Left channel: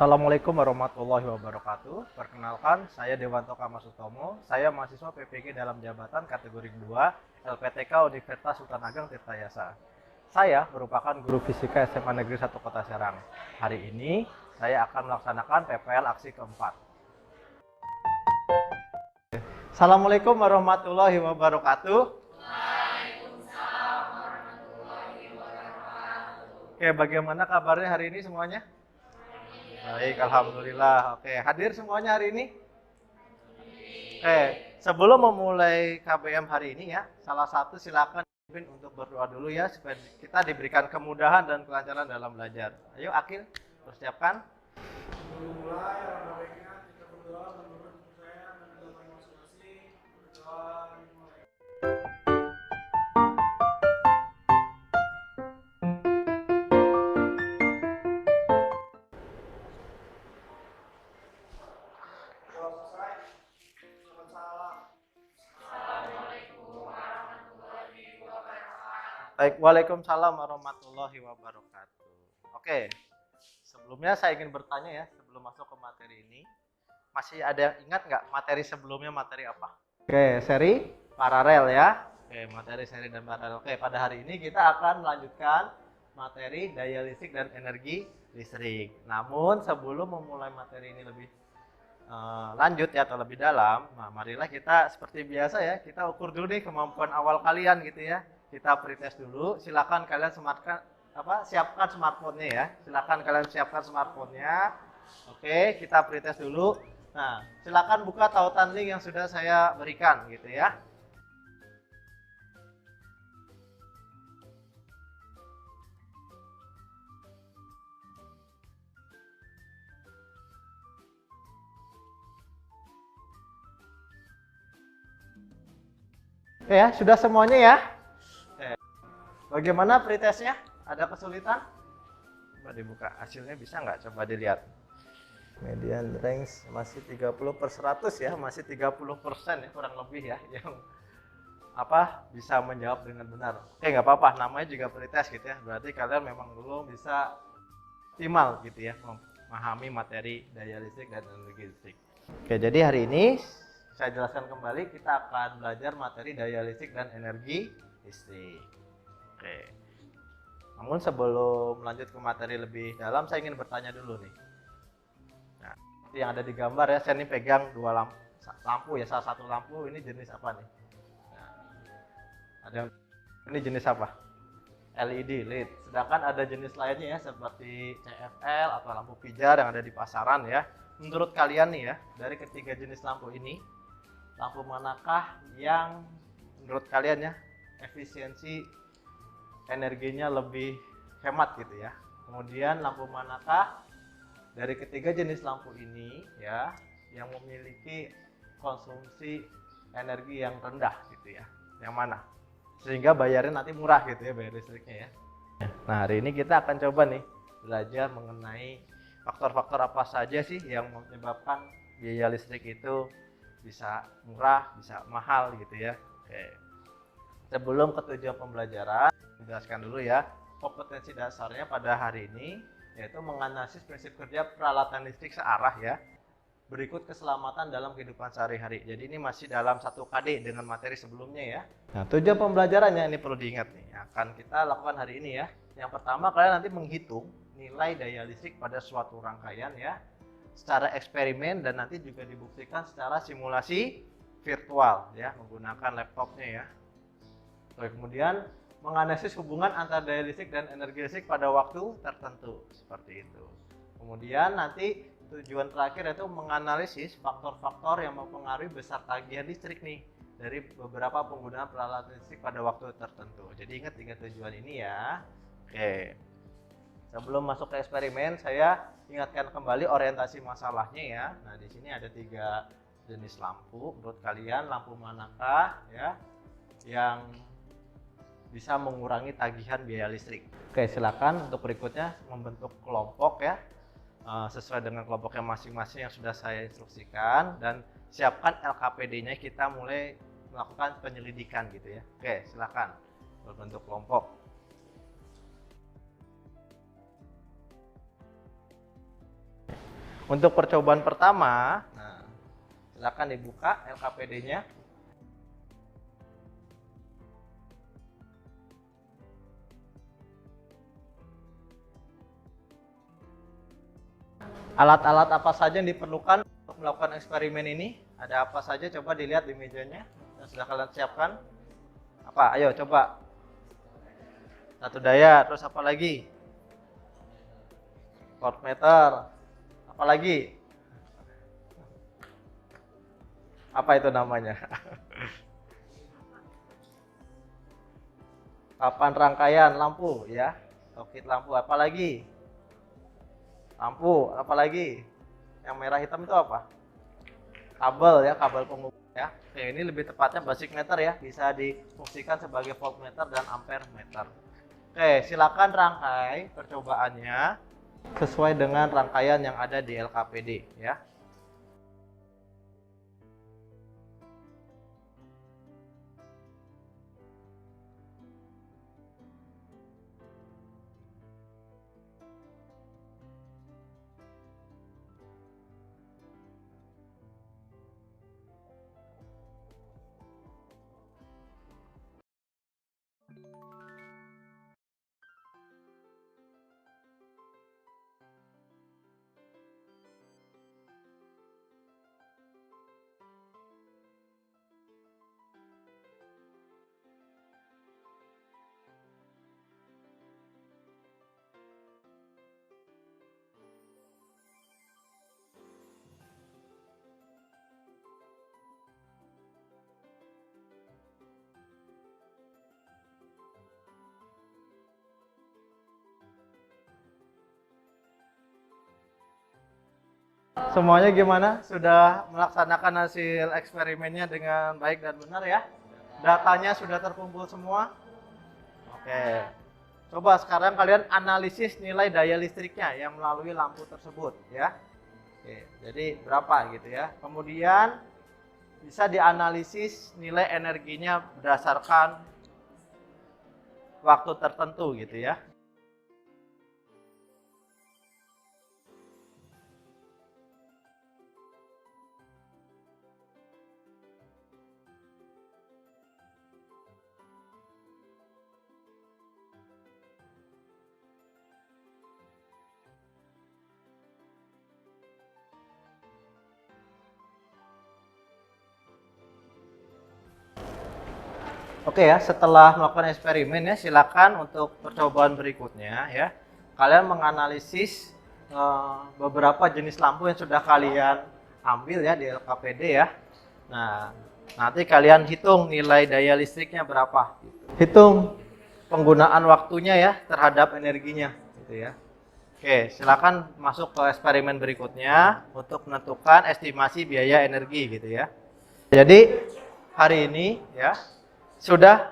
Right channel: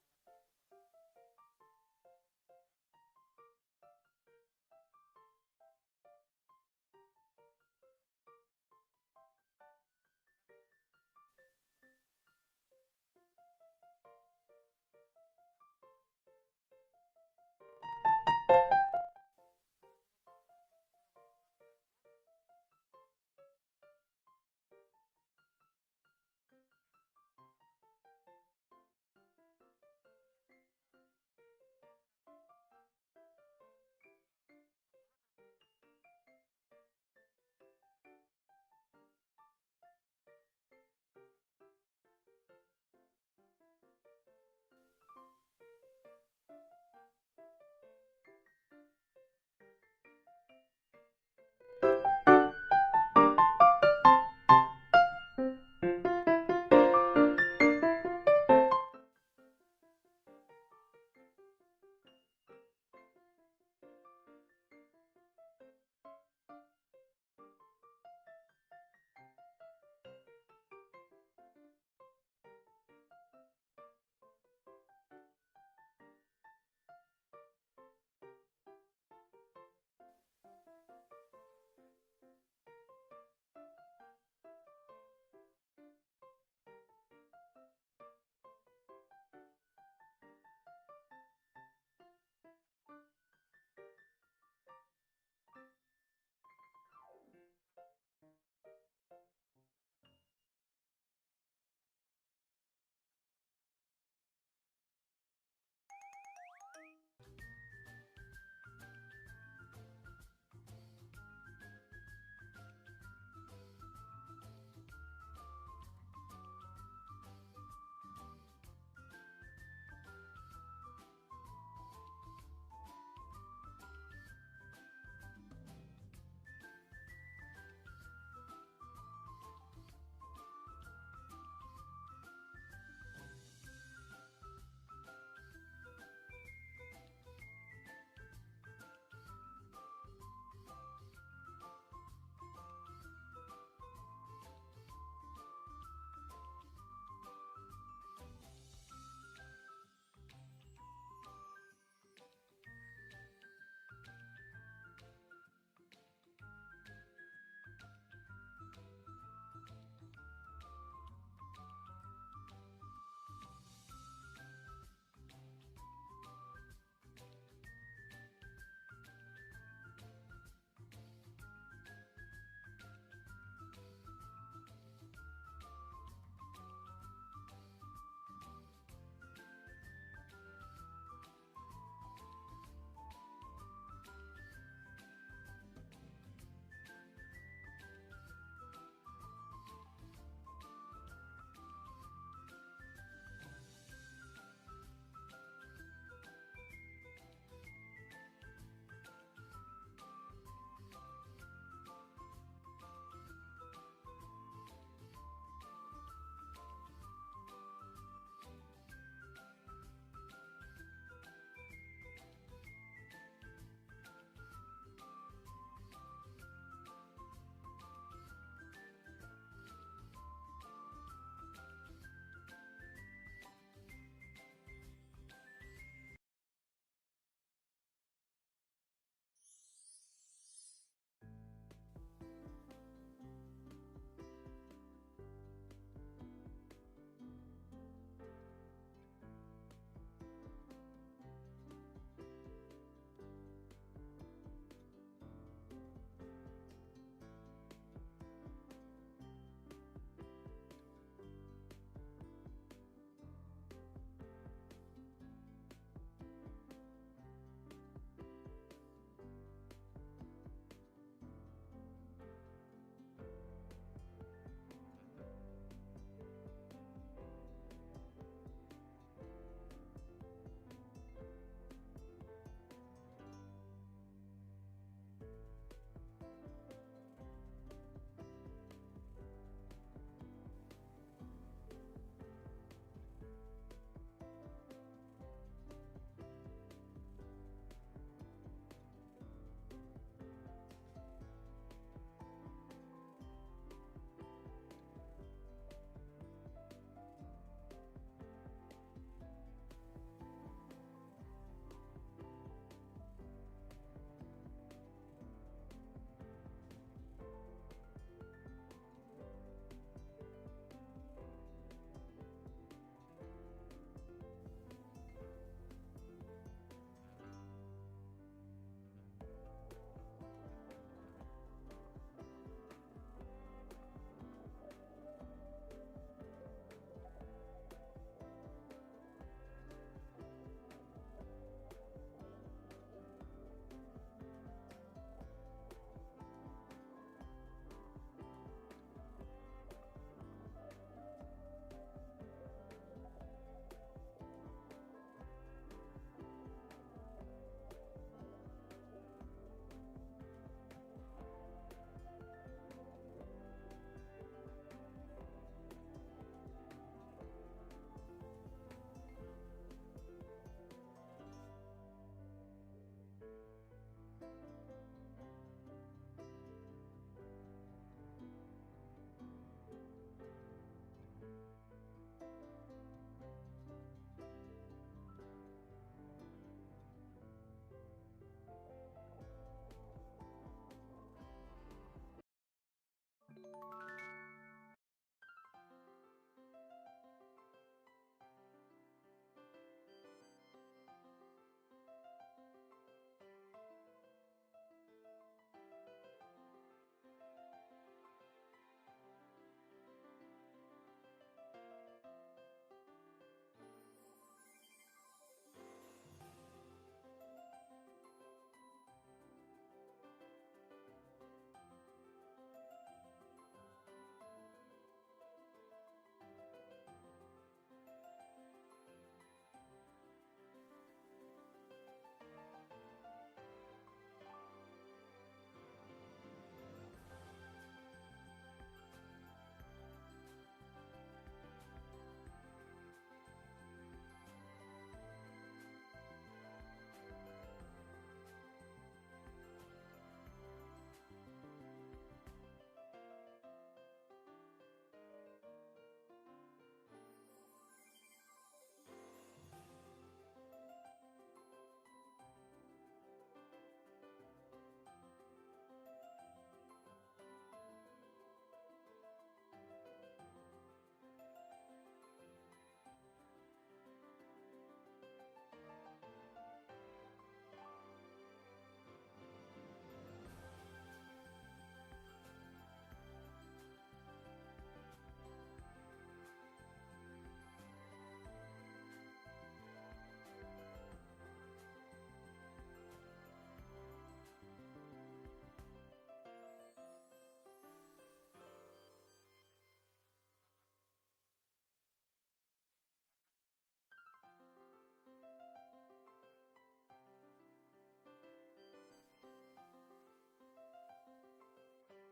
Assalamualaikum warahmatullahi wabarakatuh. Perkenalkan, saya Dewanto Kamasutomo. Saya mahasiswa PPG dalam jabatan kategori 2 LPTK Universitas Sultan Ageng Tirtayasa. Saya merupakan guru fisika SMA Negeri 1 Kota Serang. Hari ini saya akan melaksanakan PPL aksi keempat. Assalamualaikum warahmatullahi wabarakatuh. Oke, bagaimana kabarnya hari ini semuanya? Baik, alhamdulillah. Oke, hadir semuanya hari ini? Oke, sebelum memulai KBM hari ini ya, salah satu silakan untuk berdoa dulu ya, supaya kita diberikan kemudahan dan kelancaran dalam belajar. Ayo, Akil, persiapkan. Baik, waalaikumsalam warahmatullahi wabarakatuh. Oke, sebelumnya saya ingin bertanya ya, sebelum masuk ke materi ini, masih ada yang ingat nggak materi sebelumnya materi apa? Oke, seri paralel ya. Oke, materi seri dan paralel. Oke, pada hari ini kita akan melanjutkan materi daya listrik dan energi listrik. Namun sebelum memulai materi ini lebih lanjut ya atau lebih dalam, nah marilah kita seperti biasa ya, kita ukur dulu nih kemampuan awal kalian gitu ya. Kita pretest dulu. Silakan kalian siapkan smartphone-nya ya. Silakan kalian siapkan smartphone-nya. Oke, kita pretest dulu. Nah, silakan buka tautan link yang sudah saya berikan gitu ya. Oke ya, sudah semuanya ya. Bagaimana pretestnya? Ada kesulitan? Coba dibuka, hasilnya bisa nggak? Coba dilihat. Median range masih 30/100 ya, masih 30% ya kurang lebih ya yang bisa menjawab dengan benar. Oke, nggak apa-apa, namanya juga pretest gitu ya. Berarti kalian memang belum bisa optimal gitu ya memahami materi daya listrik dan energi listrik. Oke, jadi hari ini saya jelaskan kembali, kita akan belajar materi daya listrik dan energi listrik. Oke. Namun sebelum lanjut ke materi lebih dalam, saya ingin bertanya dulu nih. Nah, seperti yang ada di gambar ya, saya ini pegang dua lampu ya, salah satu lampu ini jenis apa nih? Nah, ini jenis apa? LED, LED. Sedangkan ada jenis lainnya ya, seperti CFL atau lampu pijar yang ada di pasaran ya. Menurut kalian nih ya, dari ketiga jenis lampu ini, lampu manakah yang menurut kalian ya efisiensi energinya lebih hemat gitu ya? Kemudian lampu manakah dari ketiga jenis lampu ini ya yang memiliki konsumsi energi yang rendah gitu ya? Yang mana? Sehingga bayarnya nanti murah gitu ya, bayar listriknya ya. Nah, hari ini kita akan coba nih belajar mengenai faktor-faktor apa saja sih yang menyebabkan biaya listrik itu bisa murah, bisa mahal gitu ya. Oke. Sebelum ke tujuan pembelajaran, jelaskan dulu ya kompetensi dasarnya pada hari ini, yaitu menganalisis prinsip kerja peralatan listrik searah ya. Berikut keselamatan dalam kehidupan sehari-hari. Jadi ini masih dalam 1 KD dengan materi sebelumnya ya. Nah, tujuan pembelajarannya ini perlu diingat nih, akan kita lakukan hari ini ya. Yang pertama, kalian nanti menghitung nilai daya listrik pada suatu rangkaian ya, secara eksperimen dan nanti juga dibuktikan secara simulasi virtual ya, menggunakan laptopnya ya. Kemudian menganalisis hubungan antara daya listrik dan energi listrik pada waktu tertentu seperti itu. Kemudian nanti tujuan terakhir yaitu menganalisis faktor-faktor yang mempengaruhi besar tagihan listrik nih dari beberapa penggunaan peralatan listrik pada waktu tertentu. Jadi ingat 3 tujuan ini ya. Oke. Sebelum masuk ke eksperimen, saya ingatkan kembali orientasi masalahnya ya. Nah, di sini ada 3 jenis lampu. Menurut kalian lampu manakah ya yang bisa mengurangi tagihan biaya listrik? Oke, silakan untuk berikutnya membentuk kelompok ya, sesuai dengan kelompoknya masing-masing yang sudah saya instruksikan, dan siapkan LKPD-nya, kita mulai melakukan penyelidikan gitu ya. Oke, silakan berbentuk kelompok. Untuk percobaan pertama, nah, silakan dibuka LKPD-nya. Alat-alat apa saja yang diperlukan untuk melakukan eksperimen ini? Ada apa saja? Coba dilihat di mejanya yang sudah kalian siapkan. Apa? Ayo coba. Satu daya, terus apa lagi? Voltmeter. Apa lagi? Apa itu namanya? Papan rangkaian lampu ya. Sokit lampu. Apa lagi? Lampu, apalagi yang merah hitam itu apa? Kabel ya, kabel penghubung ya. Oke, ini lebih tepatnya basic meter ya, bisa difungsikan sebagai voltmeter dan ampere meter. Oke, silakan rangkai percobaannya sesuai dengan rangkaian yang ada di LKPD ya. Semuanya gimana? Sudah melaksanakan hasil eksperimennya dengan baik dan benar ya? Datanya sudah terkumpul semua? Oke. Coba sekarang kalian analisis nilai daya listriknya yang melalui lampu tersebut ya. Oke, jadi berapa gitu ya. Kemudian bisa dianalisis nilai energinya berdasarkan waktu tertentu gitu ya. Oke ya, setelah melakukan eksperimen ya, silakan untuk percobaan berikutnya ya. Kalian menganalisis beberapa jenis lampu yang sudah kalian ambil ya di LKPD ya. Nah, nanti kalian hitung nilai daya listriknya berapa. Hitung penggunaan waktunya ya terhadap energinya gitu ya. Oke, silakan masuk ke eksperimen berikutnya untuk menentukan estimasi biaya energi gitu ya. Jadi hari ini ya sudah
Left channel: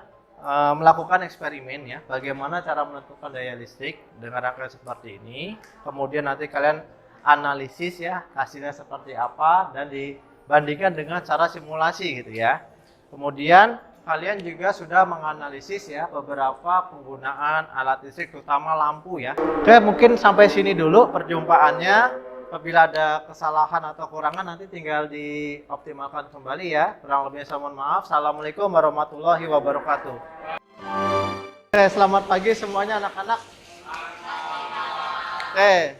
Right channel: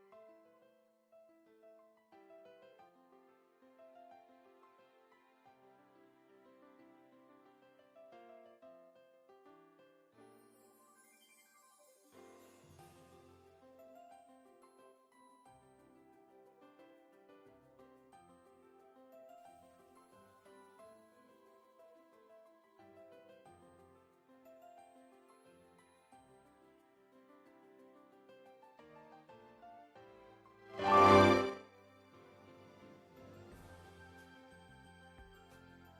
melakukan eksperimen ya, bagaimana cara menentukan daya listrik dengan rangkaian seperti ini. Kemudian nanti kalian analisis ya, hasilnya seperti apa dan dibandingkan dengan cara simulasi gitu ya. Kemudian kalian juga sudah menganalisis ya beberapa penggunaan alat listrik terutama lampu ya. Oke, mungkin sampai sini dulu perjumpaannya. Apabila ada kesalahan atau kurangan nanti tinggal dioptimalkan kembali ya. Kurang lebihnya saya mohon maaf. Assalamualaikum warahmatullahi wabarakatuh. Oke, selamat pagi semuanya anak-anak. Oke,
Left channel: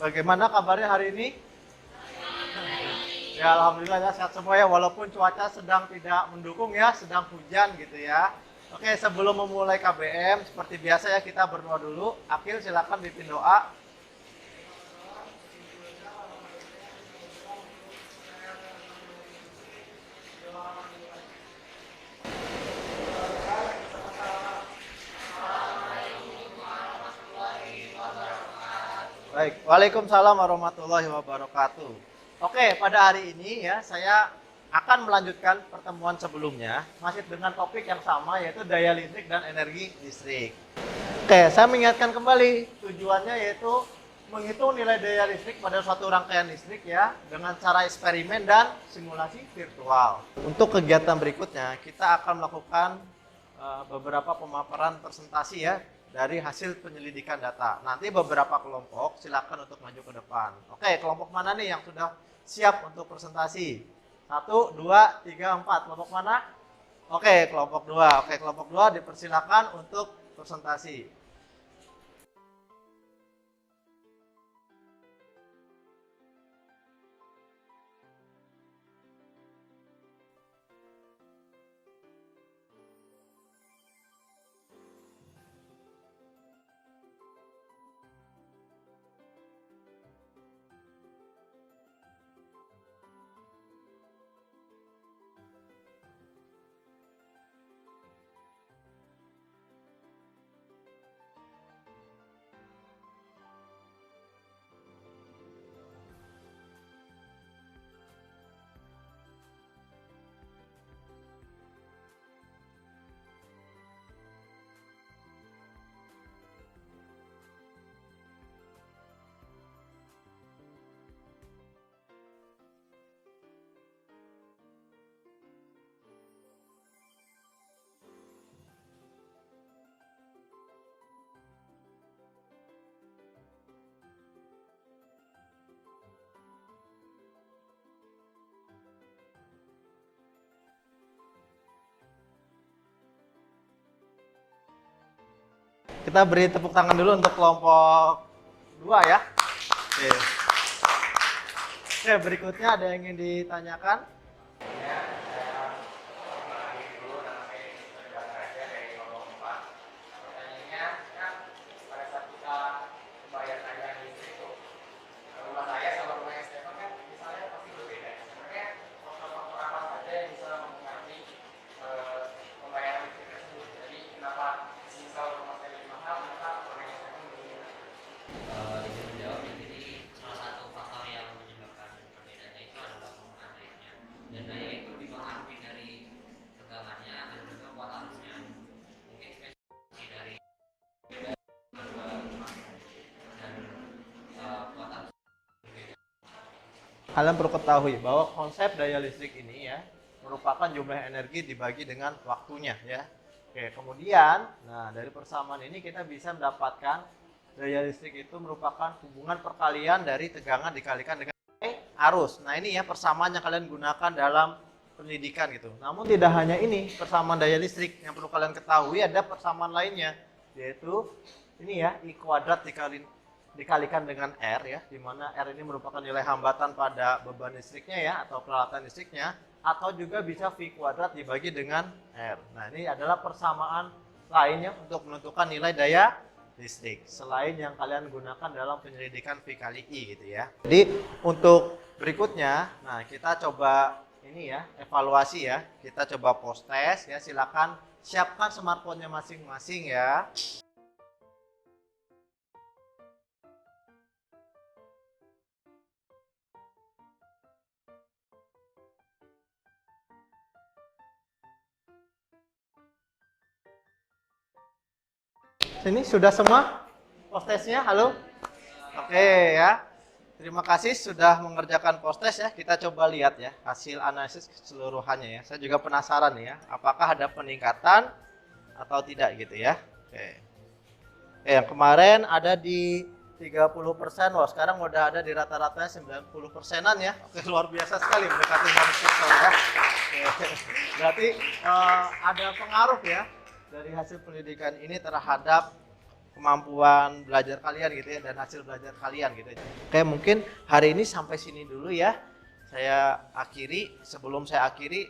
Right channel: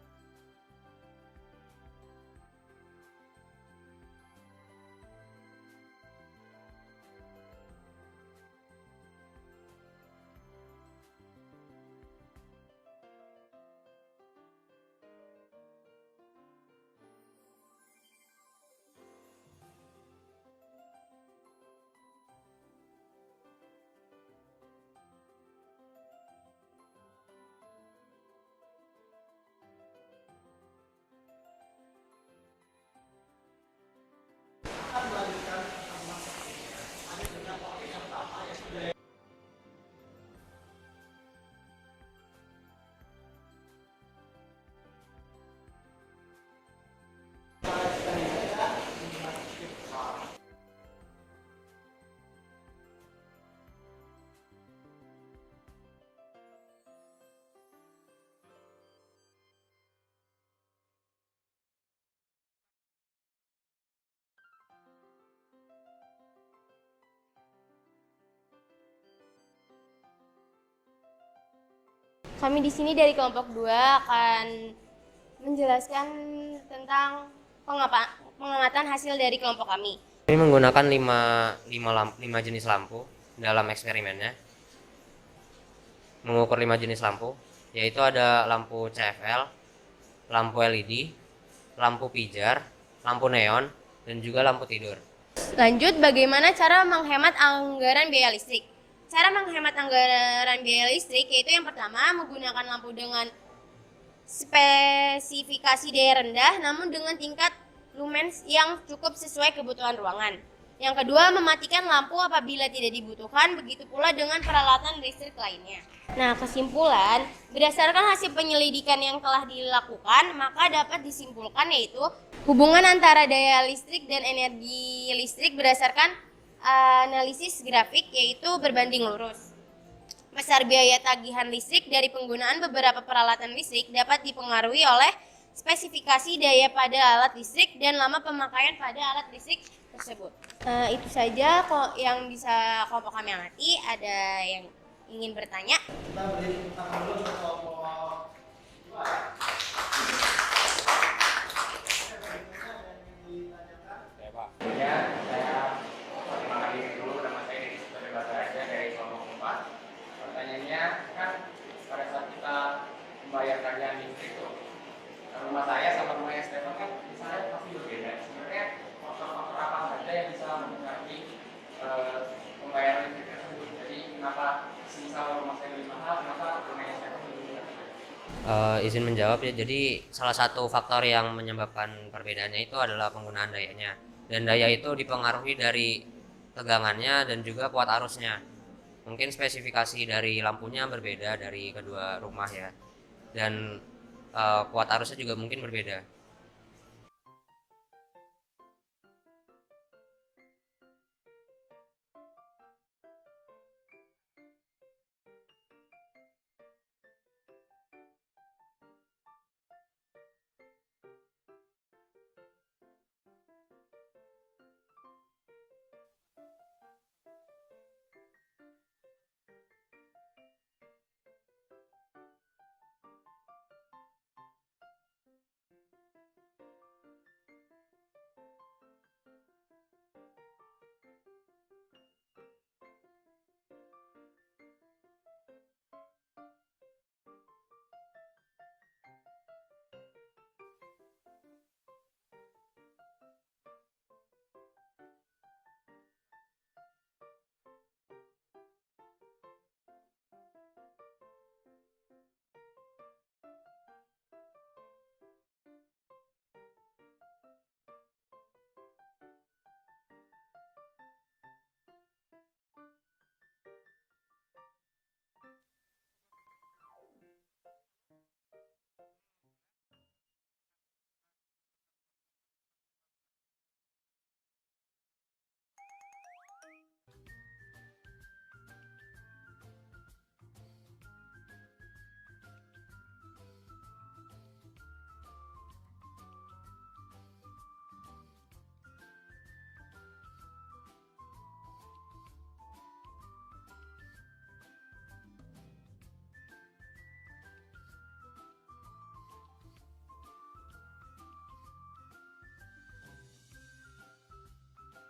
bagaimana kabarnya hari ini? Ya alhamdulillah ya, sehat semua ya, walaupun cuaca sedang tidak mendukung ya, sedang hujan gitu ya. Oke, sebelum memulai KBM seperti biasa ya kita berdoa dulu. Akil silakan pimpin doa. Baik, waalaikumsalam warahmatullahi wabarakatuh. Oke, pada hari ini ya saya akan melanjutkan pertemuan sebelumnya masih dengan topik yang sama yaitu daya listrik dan energi listrik. Oke, saya mengingatkan kembali tujuannya yaitu menghitung nilai daya listrik pada suatu rangkaian listrik ya dengan cara eksperimen dan simulasi virtual. Untuk kegiatan berikutnya kita akan melakukan beberapa pemaparan presentasi ya dari hasil penyelidikan data. Nanti beberapa kelompok silakan untuk maju ke depan. Oke, kelompok mana nih yang sudah siap untuk presentasi? 1, 2, 3, 4. Kelompok mana? Oke, kelompok 2. Oke, kelompok 2 dipersilakan untuk presentasi. Kami di sini dari kelompok 2 akan menjelaskan tentang pengamatan hasil dari kelompok kami. Kami menggunakan 5 jenis lampu dalam eksperimennya. Mengukur 5 jenis lampu, yaitu ada lampu CFL, lampu LED, lampu pijar, lampu neon, dan juga lampu tidur. Lanjut, bagaimana cara menghemat anggaran biaya listrik? Cara menghemat anggaran biaya listrik yaitu yang pertama, menggunakan lampu dengan spesifikasi daya rendah namun dengan tingkat lumens yang cukup sesuai kebutuhan ruangan. Yang kedua, mematikan lampu apabila tidak dibutuhkan, begitu pula dengan peralatan listrik lainnya. Nah, kesimpulan, berdasarkan hasil penyelidikan yang telah dilakukan, maka dapat disimpulkan yaitu hubungan antara daya listrik dan energi listrik berdasarkan analisis grafik yaitu berbanding lurus. Besar biaya tagihan listrik dari penggunaan beberapa peralatan listrik dapat dipengaruhi oleh spesifikasi daya pada alat listrik dan lama pemakaian pada alat listrik tersebut. Itu saja yang bisa kelompok kami amati. Ada yang ingin bertanya? Kita beri tepuk tangan dulu untuk kelompok 2 ya. Oke, berikutnya ada yang ingin ditanyakan? Ya Pak, saya perkenalkan diri dulu, nama saya Deddy Sebagai Bataraja dari kelompok 4. Pertanyaannya kan pada saat kita membayar tagihan listrik itu, rumah saya sama rumahnya Stefan kan misalnya pasti berbeda. Sebenarnya faktor-faktor apa saja yang bisa mempengaruhi pembayaran listrik tersebut? Jadi kenapa misal rumah saya lebih mahal, kenapa rumahnya Stefan lebih murah? Izin menjawab ya, jadi salah satu faktor yang menyebabkan perbedaannya itu adalah penggunaan dayanya. Dan daya itu dipengaruhi dari tegangannya dan juga kuat arusnya. Mungkin spesifikasi dari lampunya berbeda dari kedua rumah ya. Dan kuat arusnya juga mungkin berbeda. Kalian perlu ketahui bahwa konsep daya listrik ini ya merupakan jumlah energi dibagi dengan waktunya ya. Oke, kemudian nah dari persamaan ini kita bisa mendapatkan daya listrik itu merupakan hubungan perkalian dari tegangan dikalikan dengan arus. Nah, ini ya persamaan yang kalian gunakan dalam pendidikan gitu. Namun tidak hanya ini persamaan daya listrik, yang perlu kalian ketahui ada persamaan lainnya, yaitu ini ya I kuadrat dikalikan dengan R ya, di mana R ini merupakan nilai hambatan pada beban listriknya ya atau peralatan listriknya, atau juga bisa V kuadrat dibagi dengan R. Nah, ini adalah persamaan lainnya untuk menentukan nilai daya listrik selain yang kalian gunakan dalam penyelidikan V kali I gitu ya. Jadi untuk berikutnya, nah kita coba ini ya evaluasi ya. Kita coba post test ya. Silakan siapkan smartphone-nya masing-masing ya. Sini sudah semua post testnya? Halo? Oke ya. Terima kasih sudah mengerjakan post test ya. Kita coba lihat ya hasil analisis keseluruhannya ya. Saya juga penasaran ya, apakah ada peningkatan atau tidak gitu ya. Oke. Yang kemarin ada di 30%, wah sekarang udah ada di rata-ratanya 90%-an ya. Oke, luar biasa sekali mendekati 100% ya. Oke. Berarti ada pengaruh ya dari hasil pendidikan ini terhadap kemampuan belajar kalian gitu ya dan hasil belajar kalian gitu. Oke, mungkin hari ini sampai sini dulu ya. Saya akhiri, sebelum saya akhiri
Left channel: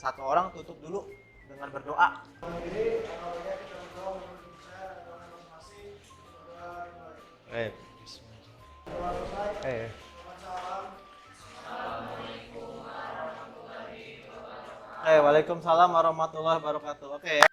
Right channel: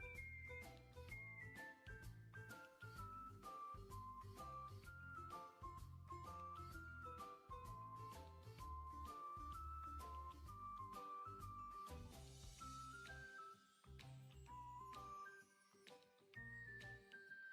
satu orang tutup dulu dengan berdoa. Waalaikumsalam warahmatullahi wabarakatuh. Oke ya.